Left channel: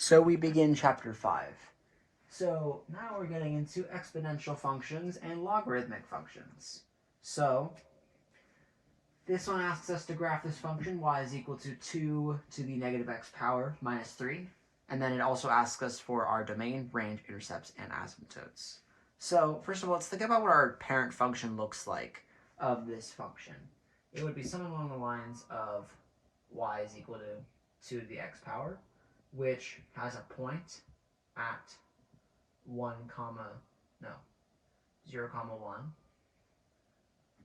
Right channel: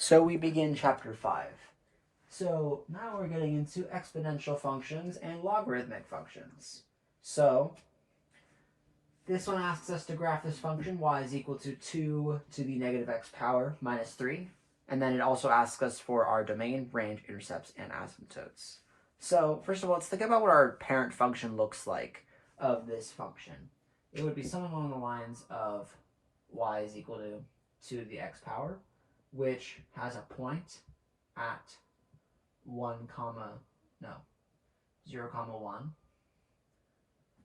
So we begin chapter 5. So now we're getting into exponential functions and logarithmic functions. So this one asks us to graph this function y is equal to 2 to the negative x power minus 3. And then it also asks us for our domain, range, intercepts, and asymptotes. So first of all, let's think about what our parent function looks like of this function. It would be something along the lines of y is equal to 2 to the x power, which has a point at 0 comma 1,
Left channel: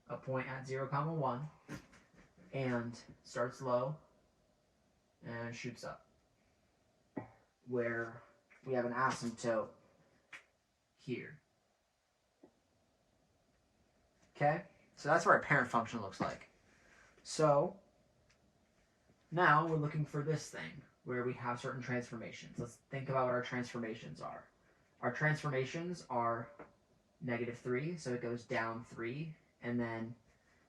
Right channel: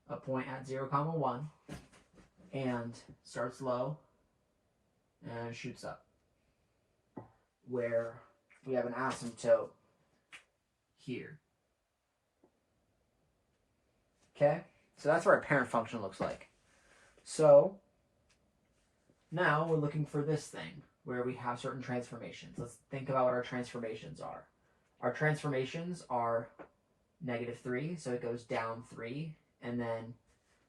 a point at 0 comma 1, and starts low and shoots up, where we have an asymptote here. Okay, so that's what our parent function looks like. So now we're looking for this thing where we have certain transformations. Let's think about what our transformations are. Our transformations are -3, so it goes down 3, and then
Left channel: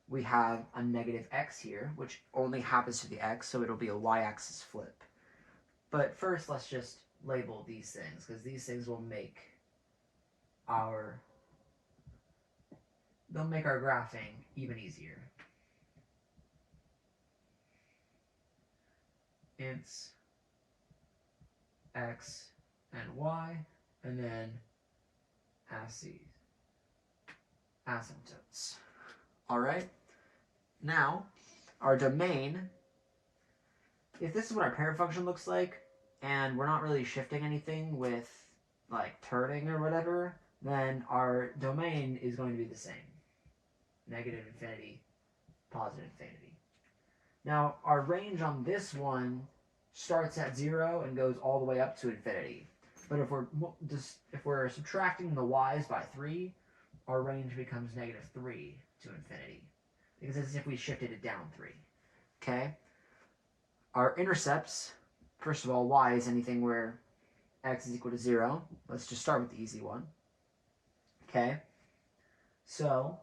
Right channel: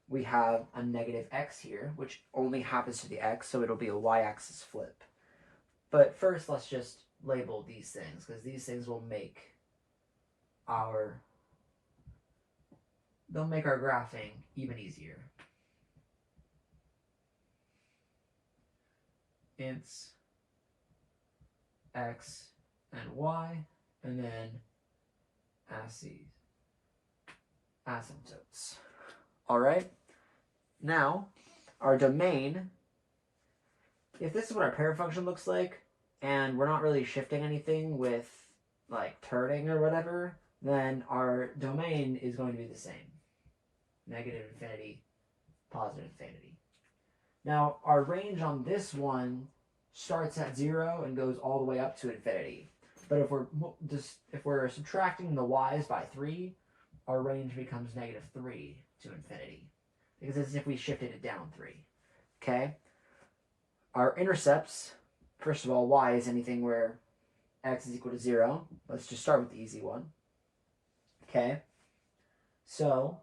we have a negative x here, which only happens to the x, so it'll be a y-axis flip. But first, let's just label these things, because these things will make our graphing even easier. Ints x and y, and then asymptotes. All right. Now, our domain, if this is what our parent function looks like, and we're not really shifting anything with like turning or whatever, then our domain is going to be the same. Negative infinity, positive infinity. Now, our range on this one starts at 0 and goes all the way up to infinity. But if we're subtracting the y's by 3, our range becomes -3 to infinity, because it's as if we shifted it down 3. Okay? Our intercepts, first of all, y is anything where x is equal to 0. Let's just start with the easy one. Okay? So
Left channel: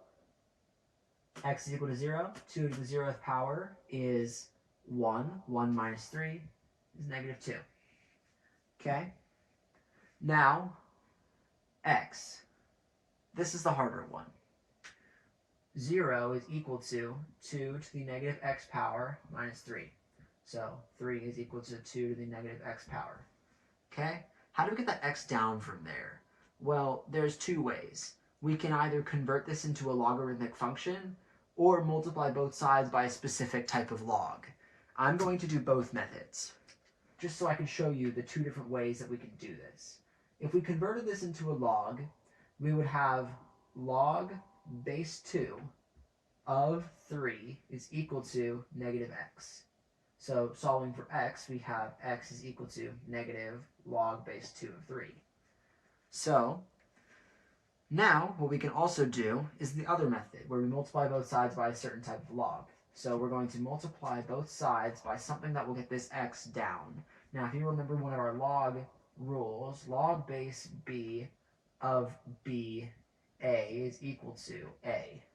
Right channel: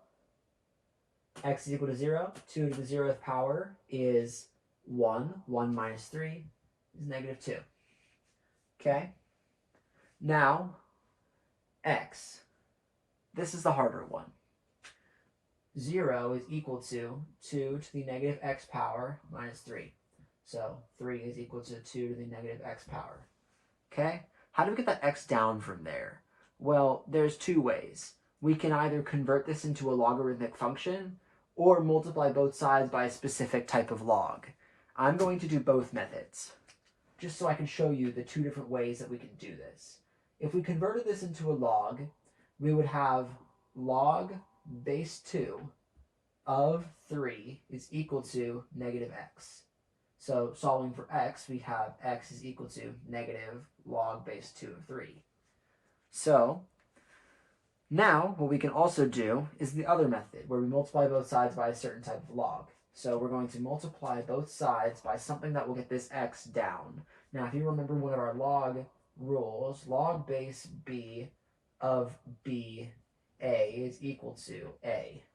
x is equal to 0. 2 to the 0th power is 1. 1 minus 3 is -2. Okay? Now, x. This is the harder one. 0 is equal to 2 to the negative x power minus 3. So 3 is equal to 2 to the negative x power. Okay? How do we get that x down from there? Well, there's two ways. We can either convert this into a logarithmic function or multiply both sides by a specific type of log. I'm going to do both methods, just so I can show you the two different ways that we can do this. If we converted this into a log, we would have log base 2 of 3 is equal to -x. So solving for x, we have x is equal to negative log base 2 of 3. So now what we can also do is the other method, where we multiply both sides by a certain type of log. So we're going to multiply both sides by something that will get this x down. Now, if you remember one of our log rules, log base b of b a is equal to a.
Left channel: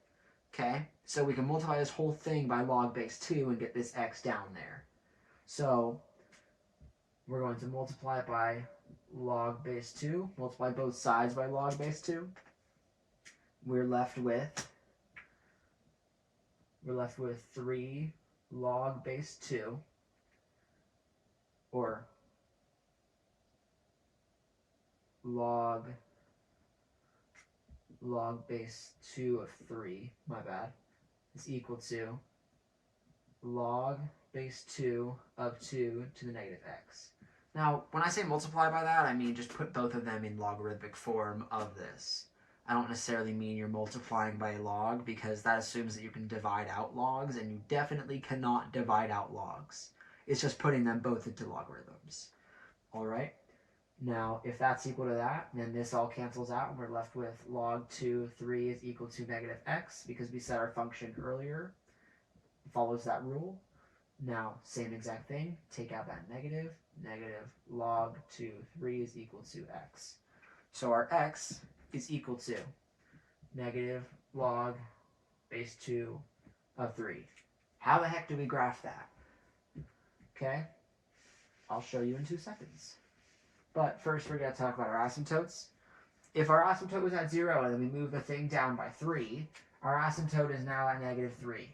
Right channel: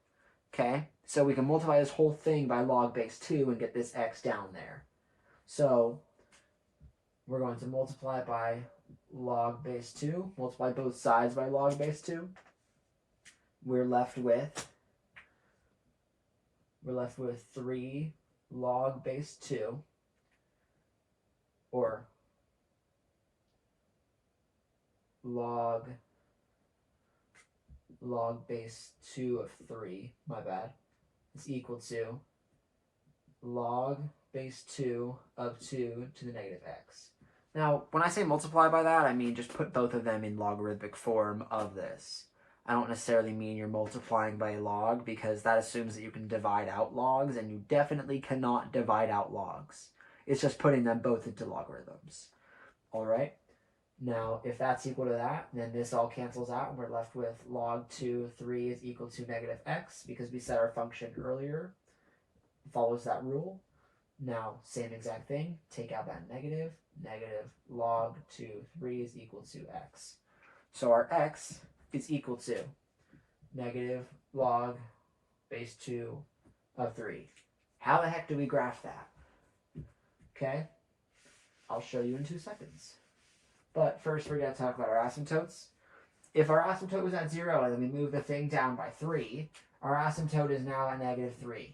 Okay? So we can multiply this whole thing by log base 2 and get this x down there. So we're going to multiply by log base 2, multiply both sides by log base 2. We're left with 3 log base 2, or log base 2 of 3, my bad, is equal to log base 2 of 2 to the negative x. Now, when I say multiply by that, I mean just put both of them in logarithmic form of this. I don't necessarily mean you're multiplying by a log, because that assumes that you can divide out logs, and you definitely cannot divide out logs. It's just putting them both into logarithms. All right? Now, if that's equal to that, then this all cancels out, and we're left with log 2, 3 is equal to -x, because we set our function earlier. It follows that rule. Now, same exact thing. Take out that negative. Negative log 2, 3 is equal to x. So our x is equal to negative log base 2 of 3. How the heck do we graph that? Okay, I'll show you in 2 seconds. But first we're going to talk about our asymptotes. If our asymptote was at 0 and then we move the thing down by 3, our asymptote is now at negative 3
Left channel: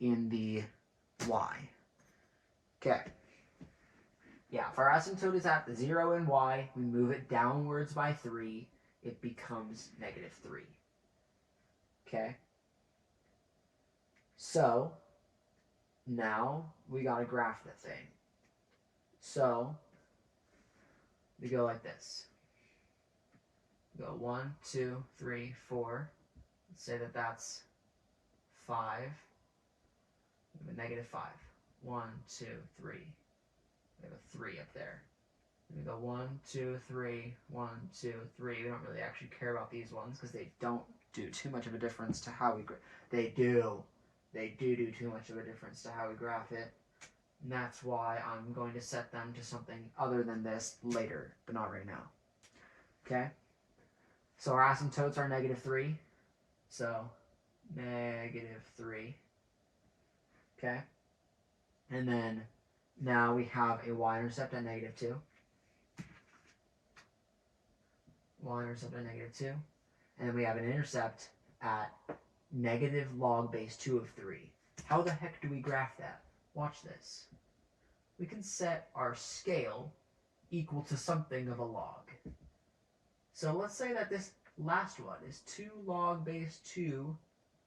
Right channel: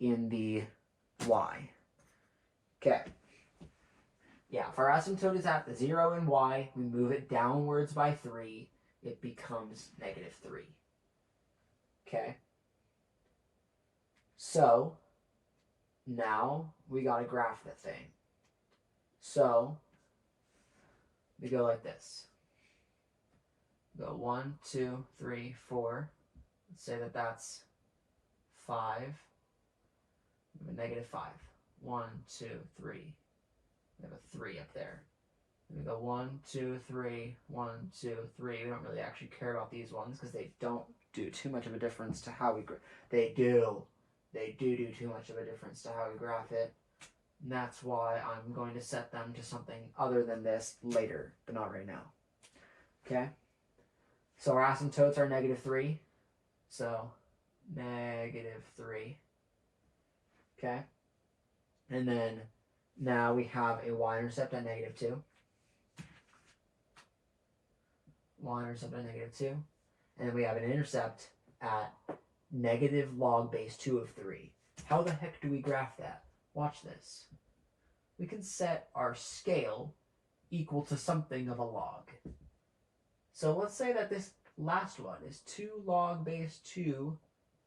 in the y. Okay. Yeah, if our asymptote is at 0 in y, we move it downwards by 3, it becomes negative 3. Okay? So, now we got to graph the thing. So, we go like this. We go 1, 2, 3, 4. Let's say that that's 5. We have a negative 5. 1, 2, 3. We have a 3 up there. We go 1, 2, 3, 1, 2, 3. We don't really actually care about these ones because they don't do too much of a difference to how we They do too much of a difference to how we graph it. And that's why I'm going to set them to something other than this later, but not right now. Okay? So our asymptotes are negative 3. So negative 3. Okay? And then now we have a y-intercept at negative 2. Y-intercept at negative 2. And then we have an intercept at negative log base 2 of 3. How the heck do we graph that? Watch this. We can set our scale equal to something of a log. So let's say that this last one is 2 log base 2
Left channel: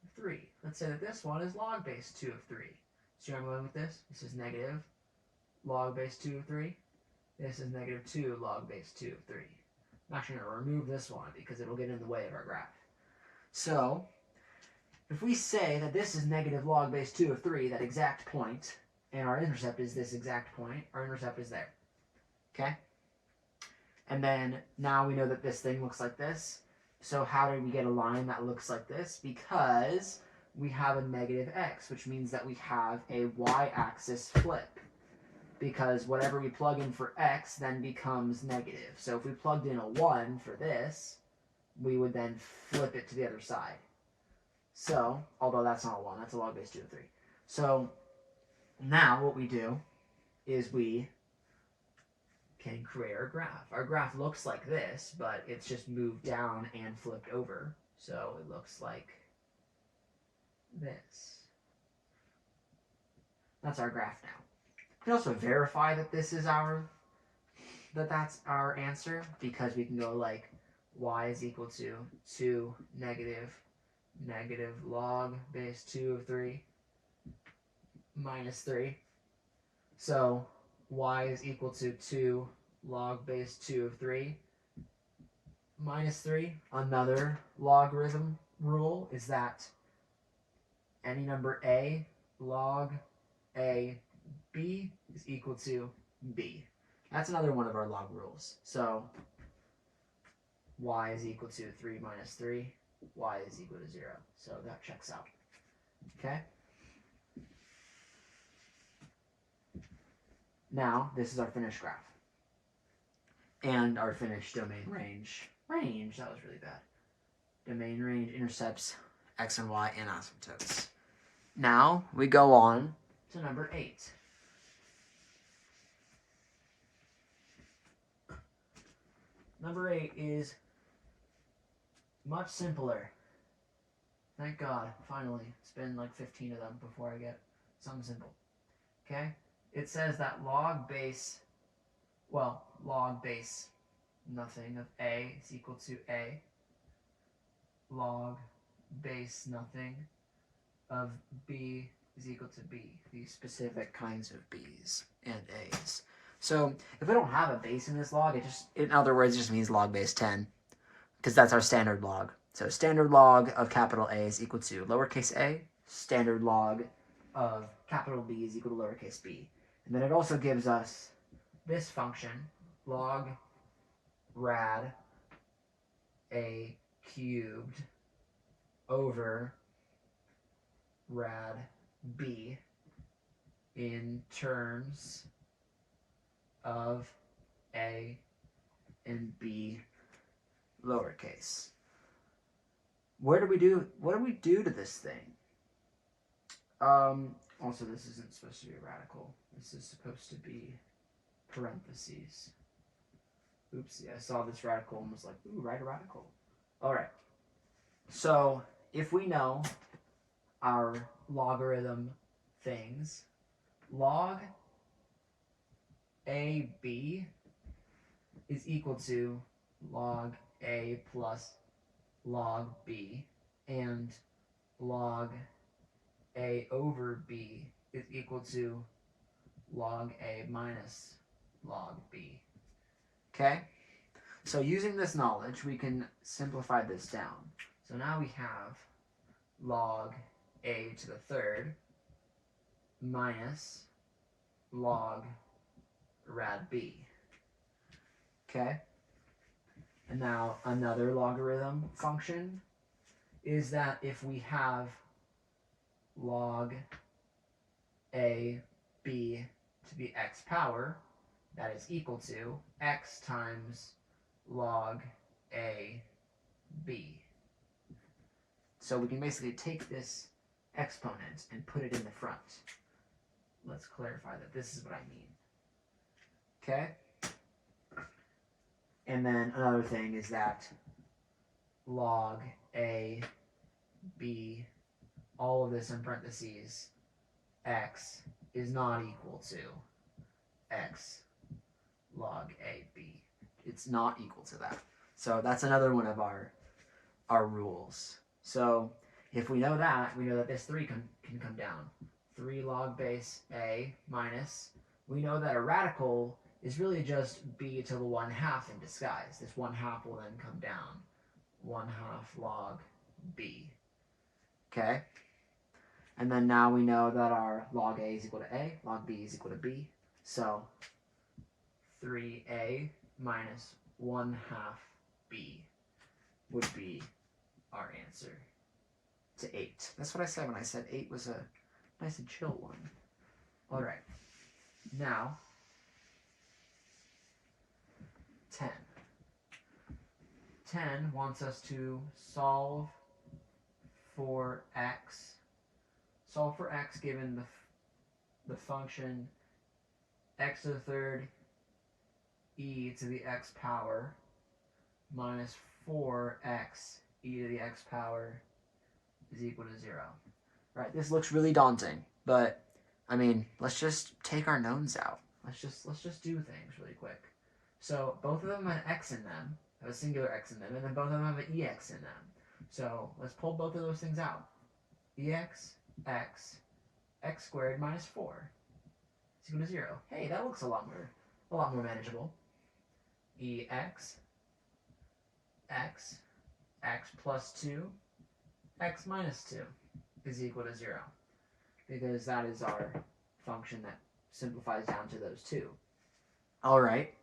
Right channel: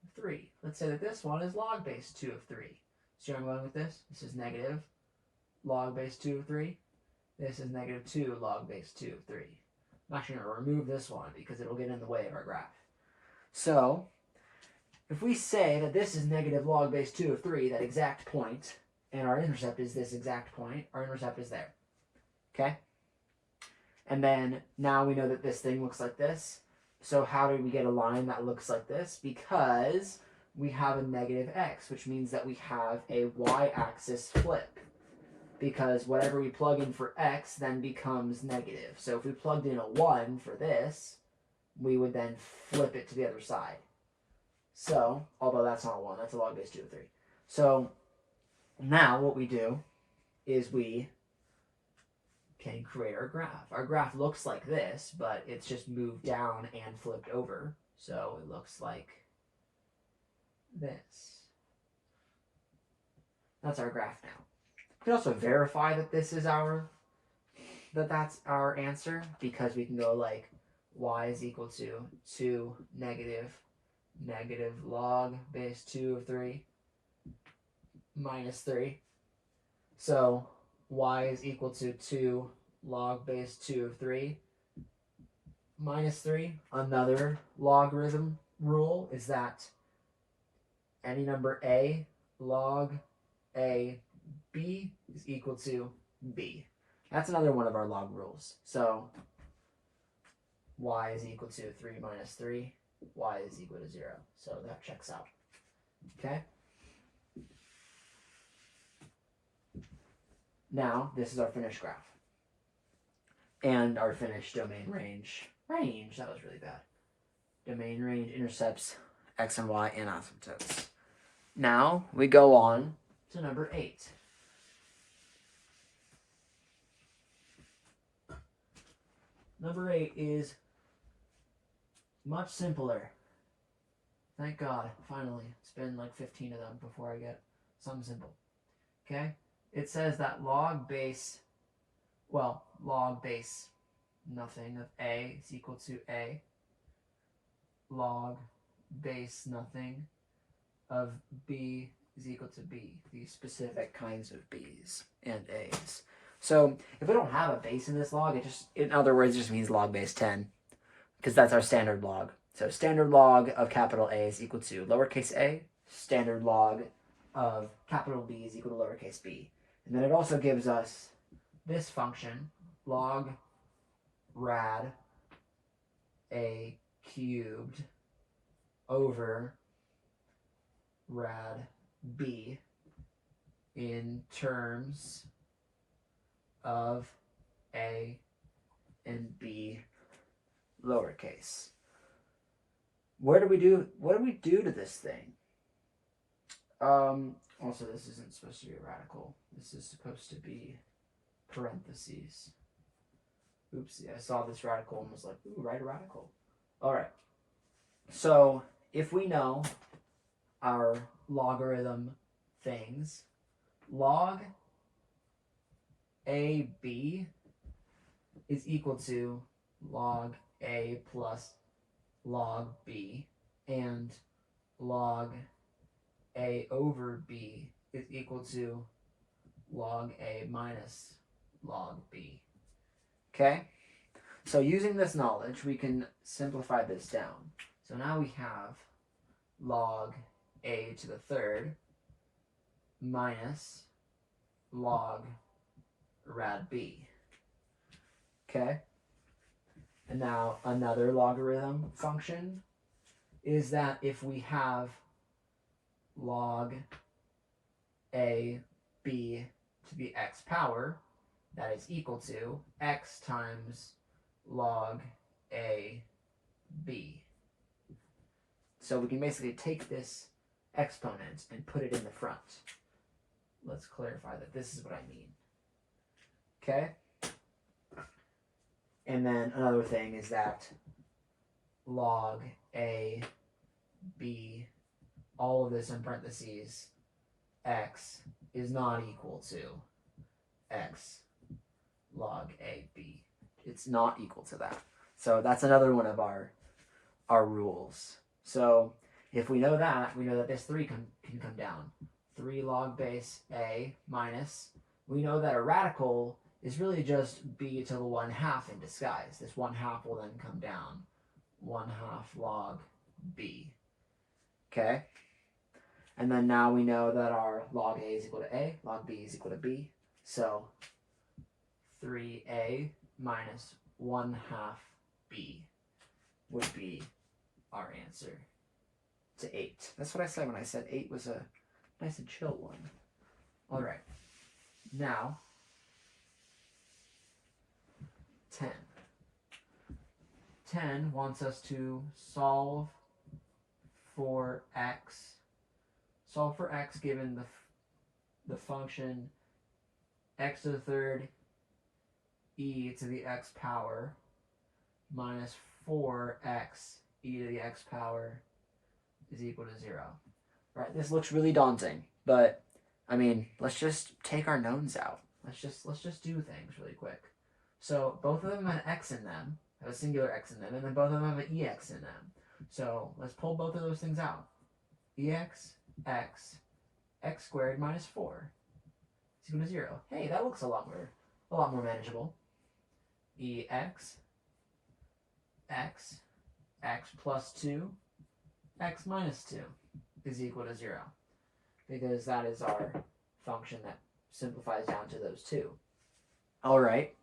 of 3. Let's say that this one is log base 2 of 3. See where I'm going with this? This is negative log base 2 of 3. This is negative 2 log base 2 of 3. I'm actually going to remove this one because it'll get in the way of our graph. So, if we say that this is negative log base 2 of 3, that exact point, and our intercept is this exact point, our intercept is there. Okay? And then, now we know that this thing looks like this. So how do we get a line that looks like this? Because we have a negative x, which means that we have a y-axis flip. Because whatever we plug in for x then becomes negative. So if we plugged in a 1 for this, we would then flip it to the other side. So, although that's not a 1, that's a log base 2 of 3. So, now what we do is we can create our graph. Our graph looks like this, but it's just moved down and flipped over. So it looks like this. That's our graph now. We can also verify that this is that's our answer, because we can go like y is equal to 2 negative log base 2 of 3 minus 3. So y is equal to 2 log base 2 of 3 minus 3. Another logarithm rule is that any number a log a b is equal to b. That's another one of our log rules. So y is equal to 3 minus 3. Y is equal to 0. So that checks out. Okay? Now, this is our finished graph. And our finished domain range. That was really bad. Domain range intercepts x and y and asymptotes. Now, we go on to number 8. Number 8 is much simpler. Thank God, finally. It's been like 15 of them before I get something simple. Okay? It says that log base nothing of a is equal to a. Log base nothing of b is equal to b. These specific kinds of b's and a's. So if we don't have a base in this log, in other words, it just means log base 10, because that's our standard log. So standard log of capital A is equal to lowercase a. Standard log of capital B is equal to lowercase b. And then it also gives us this function, log rad a cubed over rad b in terms of a and b lowercase. What do we do to this thing? Also, this isn't supposed to be a radical. This is supposed to be parentheses. Oops, yeah, I saw this radical and was like, ooh, write a radical. All right. So if we know our logarithm things, log AB is equal to log A plus log B, and log A over B is equal to log A minus log B. Okay? So using this knowledge, we can simplify this down. So now we have log A to the third minus log rad B. Okay? And now another logarithm function is that if we have log A B to the x power, that is equal to x times log A B. So we can basically take this exponent and put it in the front. Let's clarify that this is what I mean. Okay? And then another thing is that log A B, all of this in parentheses, x is not equal to x log A B. It's not equal to that. So that's another one of our rules. So if we know that, we know that this 3 can come down. 3 log base A minus, we know that a radical is really just b to the 1/2 in disguise. This 1/2 will then come down. 1/2 log b. Okay? And then now we know that our log A is equal to A, log B is equal to B. So 3A minus 1/2 B would be our answer to 8. That's what I said when I said 8 was a nice and chill one. All right. Now, 10. 10 wants us to solve for x. Solve for x given the function x to the third e to the x power minus 4x e to the x power is equal to 0. All right, this looks really daunting, but I mean, let's just take our knowns out. Let's just do things really quick. So both of them have an x in them, have a singular x in them, and then both of them have an ex in them. So let's pull both of those things out. Ex, x squared minus 4 is equal to 0. Hey, that looks a lot more manageable. Ex, x plus 2, x minus 2 is equal to 0, because that is our function that simplifies down to those two. All right.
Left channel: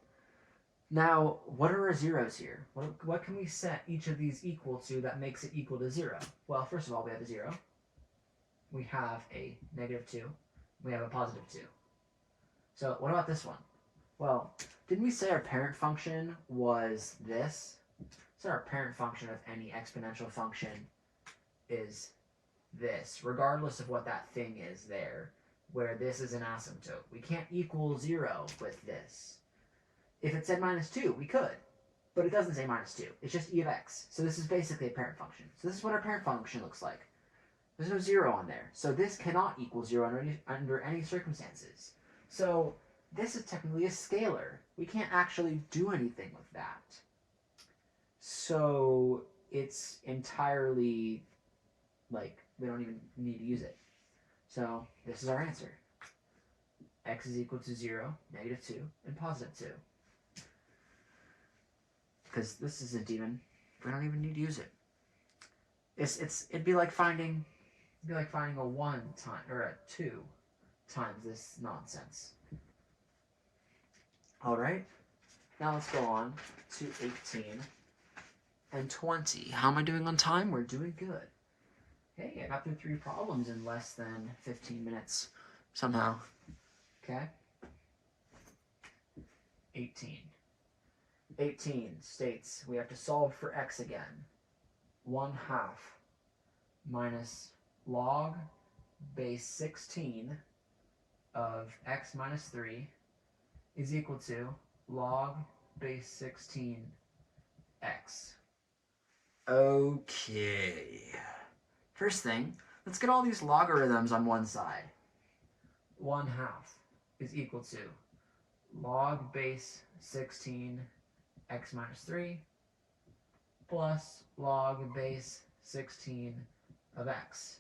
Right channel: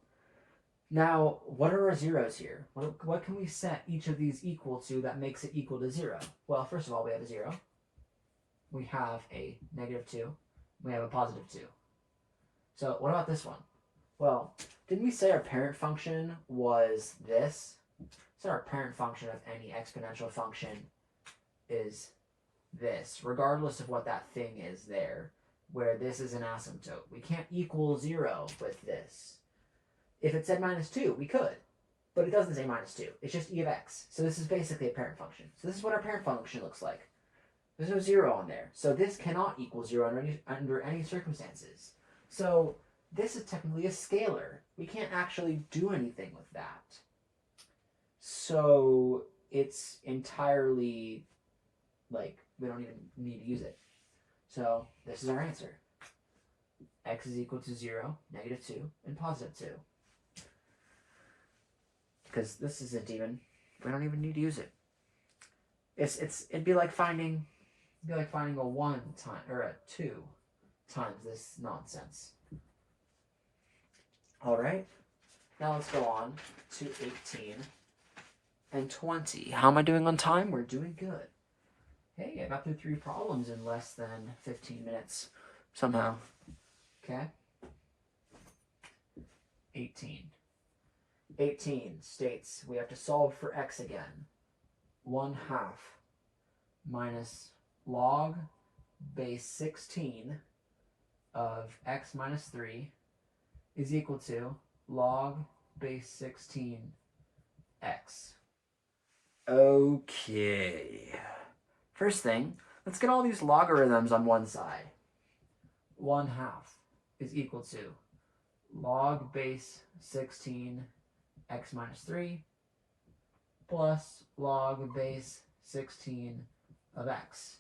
Now, what are our zeros here? What can we set each of these equal to that makes it equal to 0? Well, first of all, we have a 0. We have a -2. We have a +2. So what about this one? Well, didn't we say our parent function was this? So our parent function of any exponential function is this, regardless of what that thing is there, where this is an asymptote. We can't equal 0 with this. If it said -2, we could, but it doesn't say -2. It's just e of x. So this is basically a parent function. So this is what our parent function looks like. There's no 0 on there. So this cannot equal 0 under any circumstances. So this is technically a scalar. We can't actually do anything with that. So it's entirely, like, we don't even need to use it. So this is our answer. X is equal to 0, -2, and +2. Because this isn't even, we don't even need to use it. It'd be like finding a 1 time or a 2 times this nonsense. All right. Now let's go on to 18 and 20. How am I doing on time? We're doing good. Hey, I got through 3 problems in less than 15 minutes somehow. Okay. 18. 18 states we have to solve for x again. 1/2 minus log base 16 of x minus 3 is equal to log base 16 x. Okay. First thing, let's get all these logarithms on one side. 1/2 is equal to log base 16 x minus 3 plus log base 16 of x.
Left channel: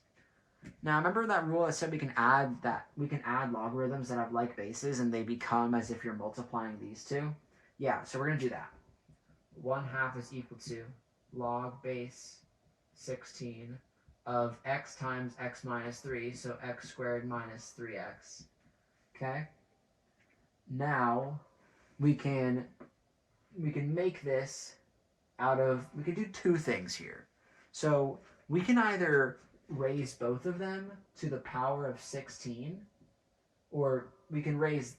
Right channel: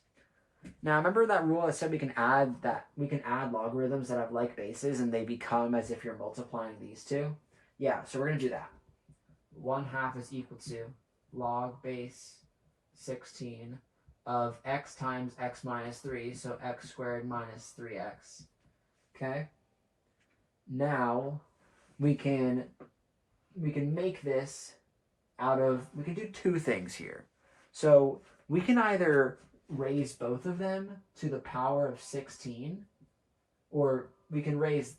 Now remember that rule I said we can add logarithms that have like bases and they become as if you're multiplying these two? Yeah, so we're going to do that. 1/2 is equal to log base 16 of x times x minus 3, so x squared minus 3x. Okay? Now we can make this out of, we can do two things here. So we can either raise both of them to the power of 16, or we can raise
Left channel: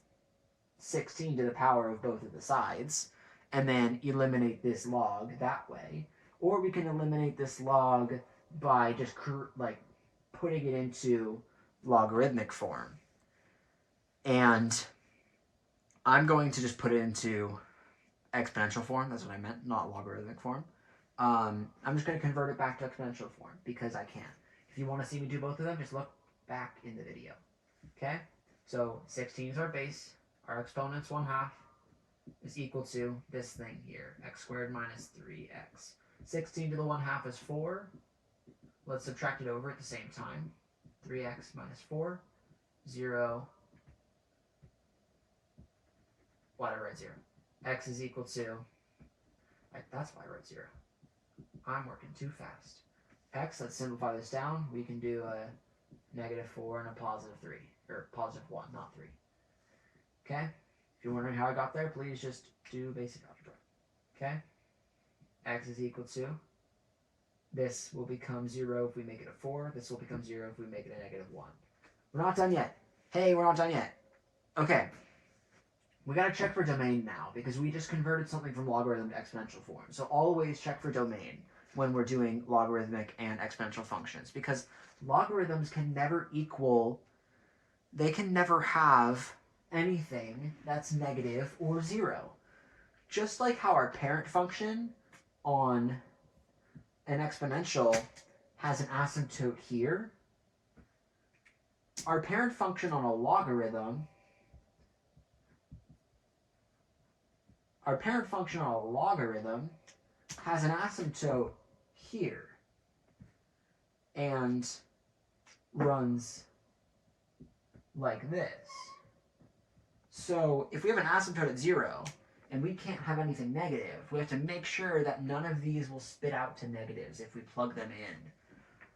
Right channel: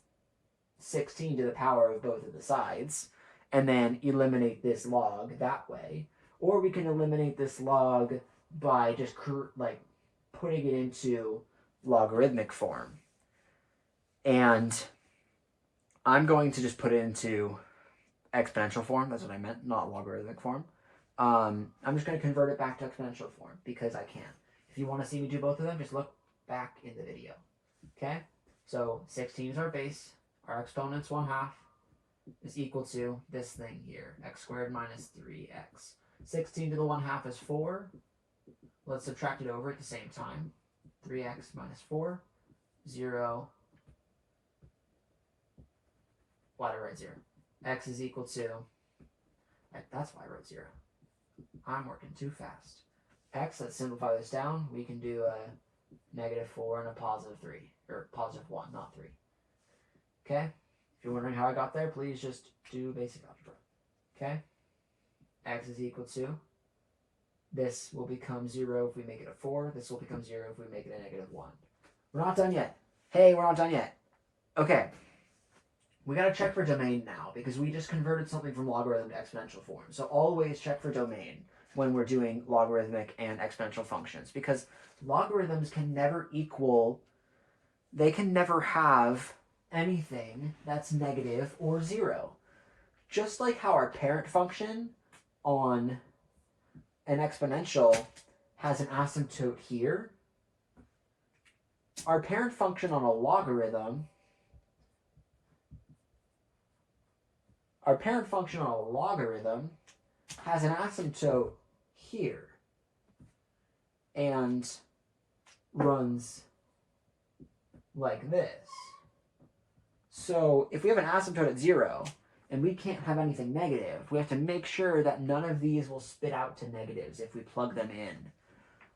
16 to the power of both of the sides and then eliminate this log that way. Or we can eliminate this log by just putting it into logarithmic form. And I'm going to just put it into exponential form. That's what I meant, not logarithmic form. I'm just going to convert it back to exponential form because I can. If you want to see me do both of them, just look back in the video. Okay? So 16 is our base. Our exponent's 1/2 is equal to this thing here, x squared minus 3x. 16 to the 1/2 is 4. Let's subtract it over at the same time. 3x minus 4, 0. Why did I write 0? X is equal to, that's why I wrote 0. I'm working too fast. X, let's simplify this down. We can do a -4 and a +3, or +1, not 3. Okay? If you're wondering how I got there, please just do basic algebra. Okay? X is equal to, this will become 0 if we make it a 4. This will become 0 if we make it a -1. We're not done yet. Hey, we're not done yet. Okay. We got to check for domain now because we just converted something from logarithm to exponential form. So always check for domain when we're doing logarithmic and exponential functions because logarithms can never equal, they can never have anything that's negative or 0. Just like how our parent function on an exponential has an asymptote here, our parent function on a logarithm has an asymptote here and runs like this. So if we have an asymptote at 0 and we can't have anything negative, we have to make sure that none of these will spit out to negatives if we plug them in.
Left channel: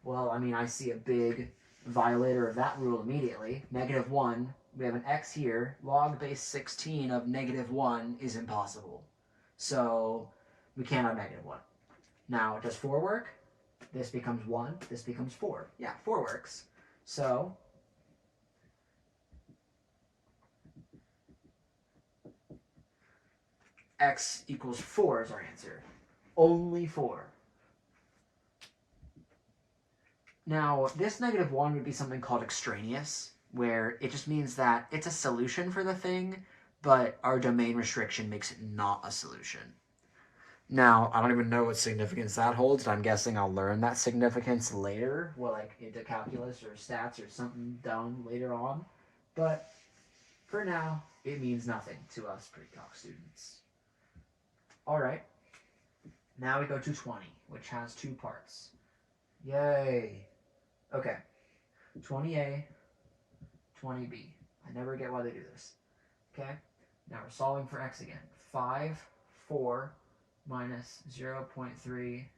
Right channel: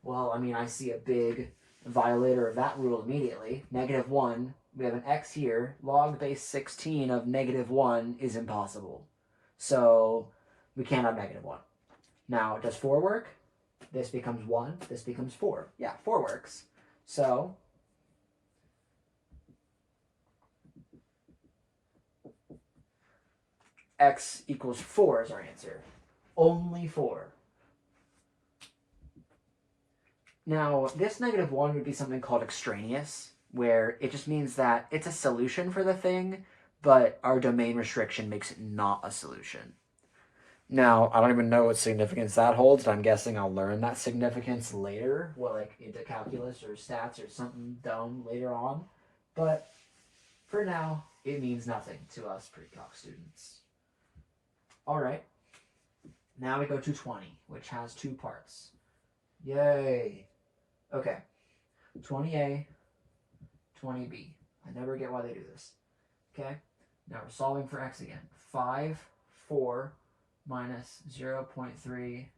Well, I mean, I see a big violator of that rule immediately. -1. We have an x here. Log base 16 of -1 is impossible. So we can't have -1. Now, does 4 work? This becomes 1. This becomes 4. Yeah, 4 works. So x equals 4 is our answer. Only 4. Now, this -1 would be something called extraneous, where it just means that it's a solution for the thing, but our domain restriction makes it not a solution. Now, I don't even know what significance that holds, but I'm guessing I'll learn that significance later, into calculus or stats or something dumb later on. But for now, it means nothing to us pre-calc students. All right. Now we go to 20, which has 2 parts. Yay. Okay. 20a, 20b. I never get why they do this. Okay. Now we're solving for x again. 5, 4 minus 0.3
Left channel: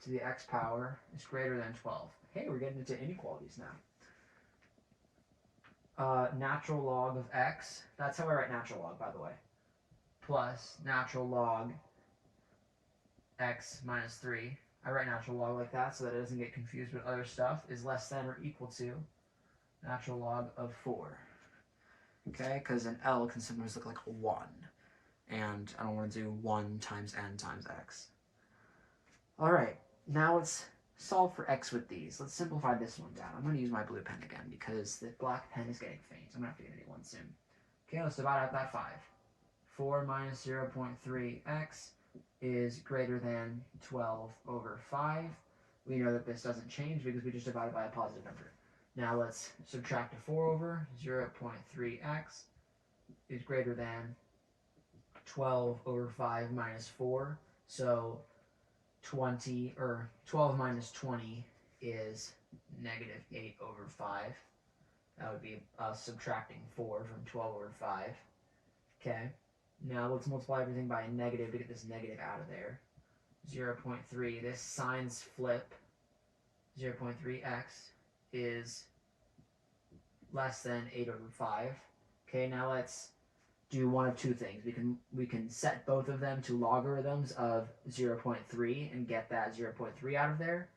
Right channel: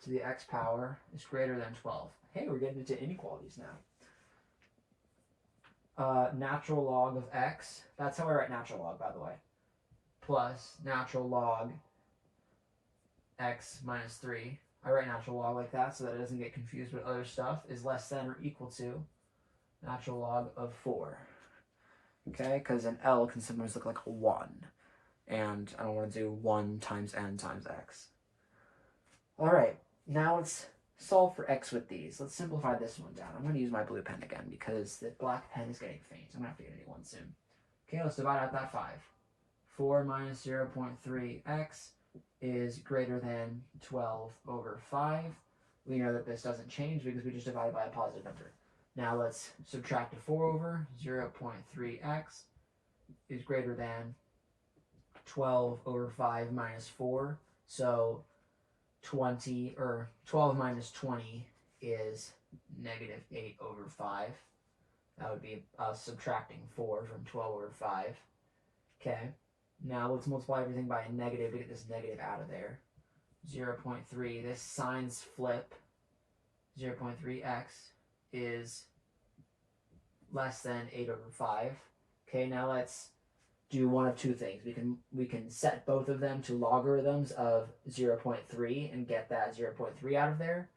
to the x power is greater than 12. Hey, we're getting into inequalities now. Natural log of x. That's how I write natural log, by the way. Plus natural log x minus 3. I write natural log like that so that it doesn't get confused with other stuff, is less than or equal to natural log of 4. Okay, because an L can sometimes look like a 1. And I don't want to do 1 times n times x. Alright, now let's solve for x with these. Let's simplify this one down. I'm going to use my blue pen again because the black pen is getting faint. I'm going to have to get a new one soon. Okay, let's divide out that 5. 4 minus 0.3x is greater than 12 over 5. We know that this doesn't change because we just divided by a positive number. Now let's subtract a 4 over. 0.3x is greater than 12 over 5 minus 4. So 20, or 12 minus 20 is negative 8 over 5. That would be subtracting 4 from 12 over 5. Okay. Now let's multiply everything by a negative to get this negative out of there. 0.3. This signs flip. 0.3x is less than 8 over 5. Okay, now let's do one of two things. We can set both of them to logarithms of 0.3 and get that 0.3 out of there,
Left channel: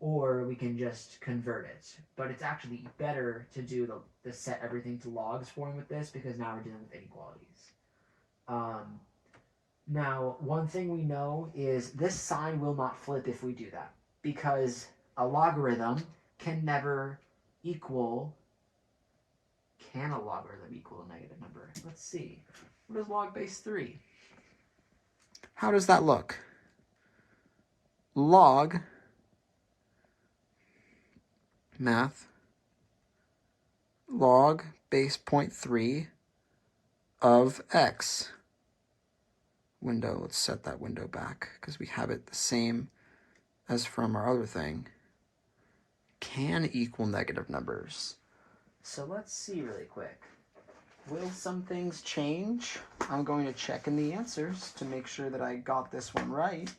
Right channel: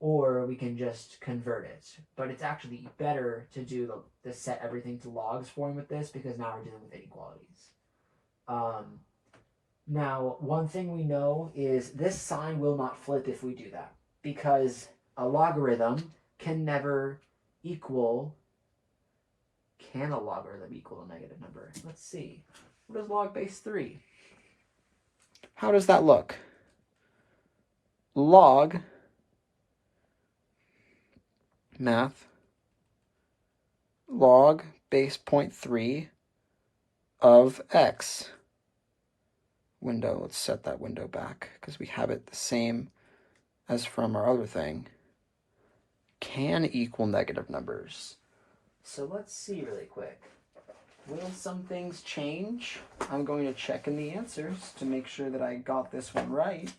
or we can just convert it. But it's actually better to do the set everything to logs form with this, because now we're dealing with inequalities. Now, one thing we know is this sign will not flip if we do that, because a logarithm can never equal. Can a logarithm equal a negative number? Let's see. What is log base 3? How does that look? Log math log base 0.3 of x. Window, let's set that window back because we have it the same as from our other thing. Can equal negative numbers. So let's see really quick. Will some things change? I'm going to check in the answers to make sure that I got this one right.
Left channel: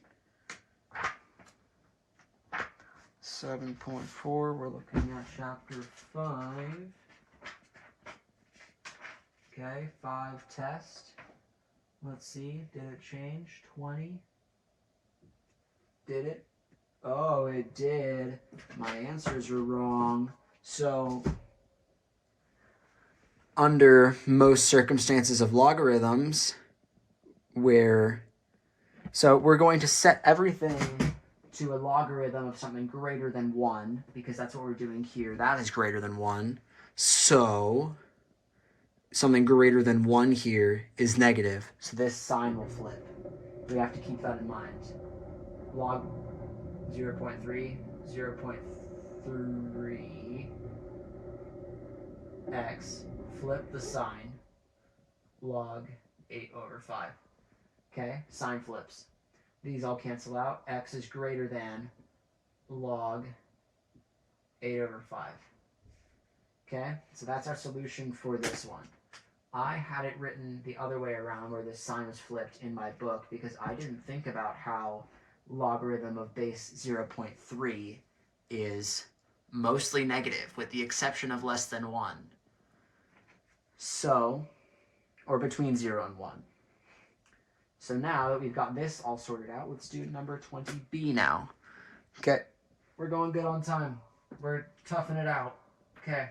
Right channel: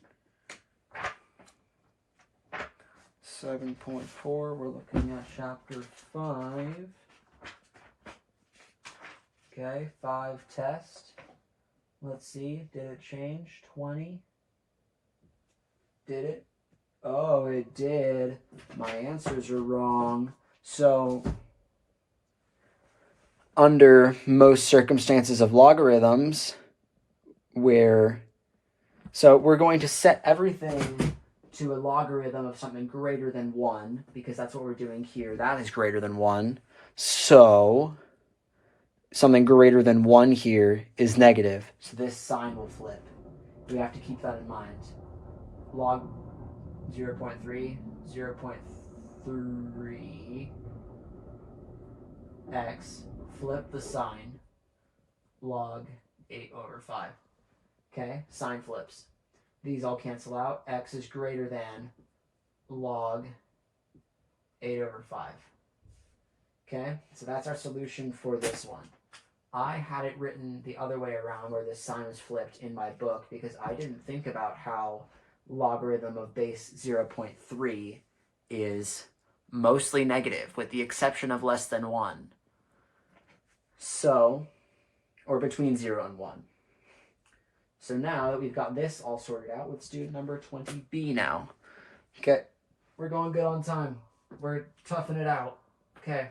7.4, we're looking at chapter 5. Okay, 5 test. Let's see, did it change? 20. Did it? Oh, it did. My answers are wrong. So, under most circumstances of logarithms, we're going to set everything to a logarithm of something greater than 1, because that's what we're doing here. That is greater than 1. So something greater than 1 here is negative. So this sign will flip. We have to keep that in mind. Log 0.3, 0.3 x, flip the sign, log 8 over 5. Okay, sign flips. These all cancel out. X is greater than log 8 over 5. Okay, so that's our solution for this one. I had it written the other way around, where this sign was flipped in my book, because I didn't think about how logarithm of base 0.3 is mostly negative, with the exception of less than 1. So, or between 0 and 1. So now that we've got this all sorted out, let's do number 20b now. Okay, we're going good on time. We're toughing it out. Okay,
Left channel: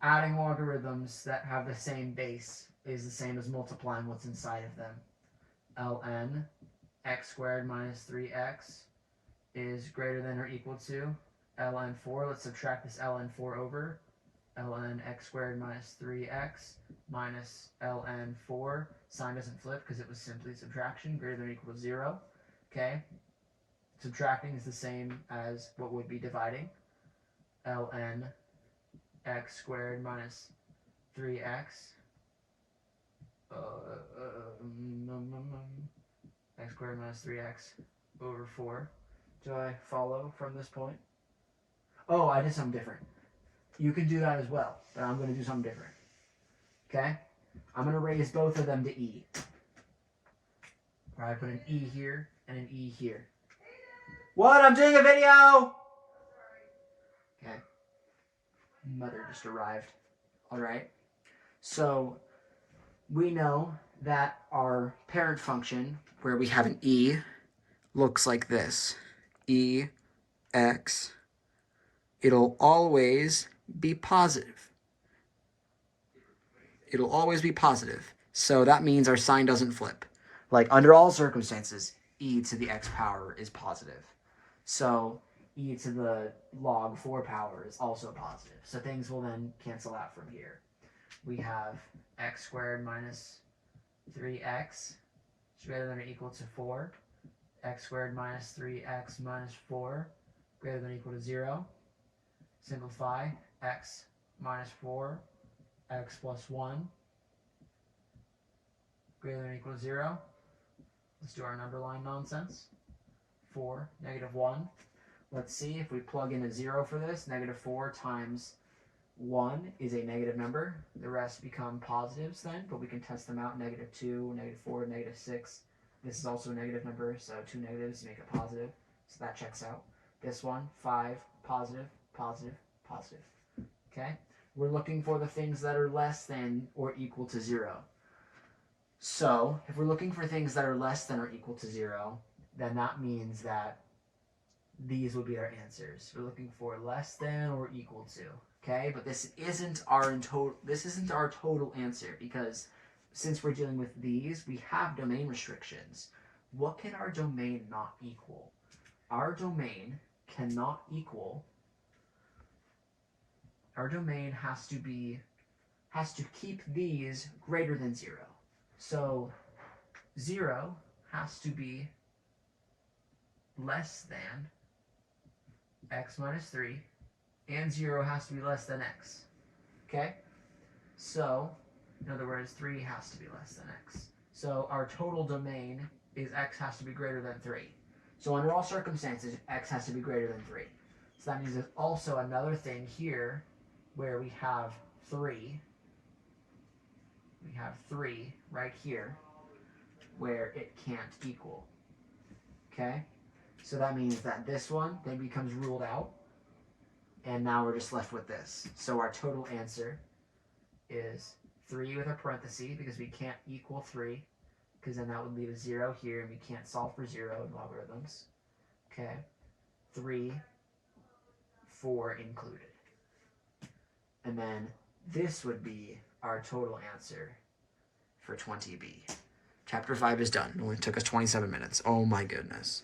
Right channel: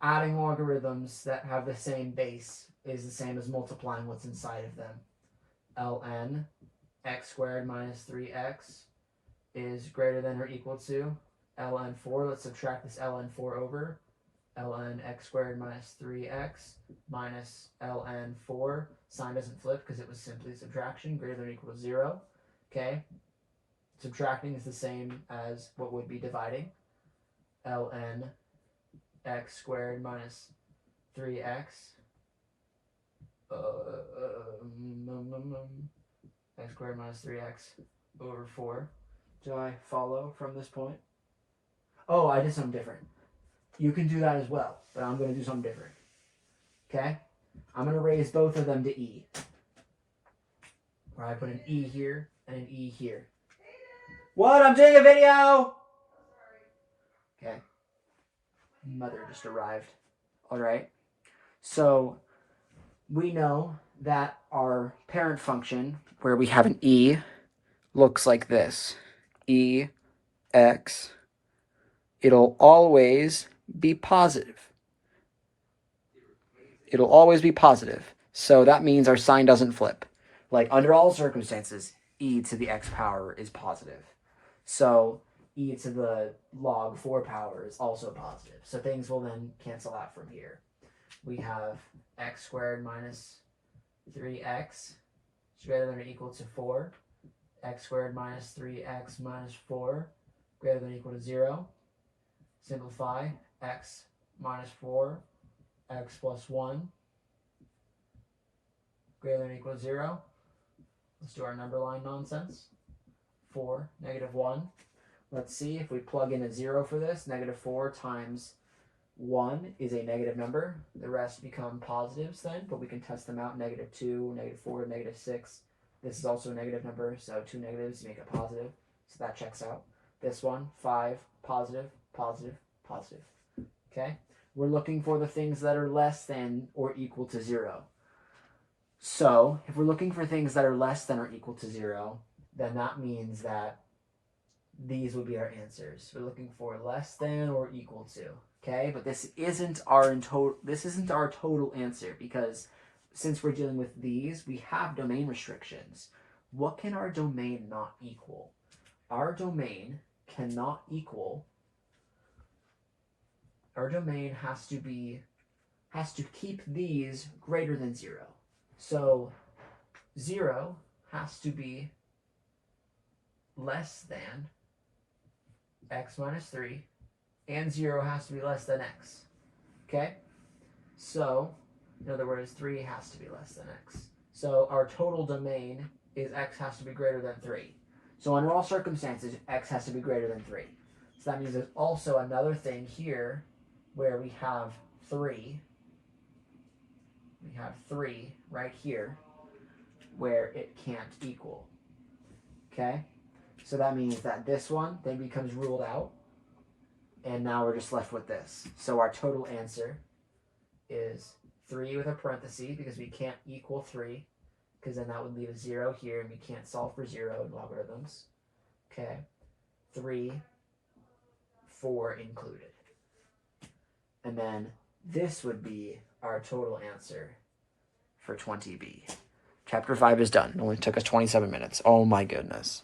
adding logarithms that have the same base is the same as multiplying what's inside of them. ln x squared minus 3x is greater than or equal to ln 4. Let's subtract this ln 4 over. ln x squared minus 3x minus ln 4. Sign doesn't flip because it was simply subtraction, greater than or equal to 0. Okay, subtracting is the same as what would be dividing. ln x squared minus 3x x squared minus 3x over 4. Do I follow from this point? Oh, I did something different. You can do that as well, but I'm going to do something different. Okay? I'm going to raise both of them to e. Or I put an e here and an e here. What? I'm doing a video! Okay. Mother just arrived. All right. So we know that our parent function, where we have an e, looks like this. E, x. It'll always be positive. It'll always be positive. So that means our sign doesn't flip. Like, under all circumstances, e to the x power is positive. So e to the log 4 power is also positive. So things will then cancel out from here. We have x squared minus 3x is greater than or equal to 4. X squared minus 3x minus 4 greater than or equal to 0. Simplify. X minus 4, x plus 1 greater than or equal to 0. Let's do our number line nonsense. 4, negative 1. Let's see if we plug in a 0 for this. Negative 4 times 1 is a negative number. The rest become positives then, but we can test them out. Negative 2, negative 4, negative 6. This is also a negative number, so 2 negatives make it positive. So that checks out. This one, 5, positive, positive, positive. Okay? We're looking for the things that are less than or equal to 0. So if we're looking for things that are less than or equal to 0, then that means that these will be our answers. We're looking for less than or equal to. Okay, but this isn't our total answer, because since we're dealing with these, we have domain restrictions. What can our domain not equal? Our domain cannot equal. Our domain has to keep these greater than 0. So 0 has to be less than x minus 3, and 0 has to be less than x. Okay? So, in other words, 3 has to be less than x. So our total domain is x has to be greater than 3. So under all circumstances, x has to be greater than 3. So that means there's also another thing here where we have 3. We have 3 right here where it can't equal. Okay? So that means that this one then becomes ruled out. And now we're just left with this. So our total answer is 3 with a parenthesis, because we can't equal 3, because then that would leave a 0 here, and we can't solve for 0 in logarithms. Okay. 3, 4 included. And then this would be our total answer for 20B. Chapter 5 is done. It only took us 27 minutes. Oh my goodness.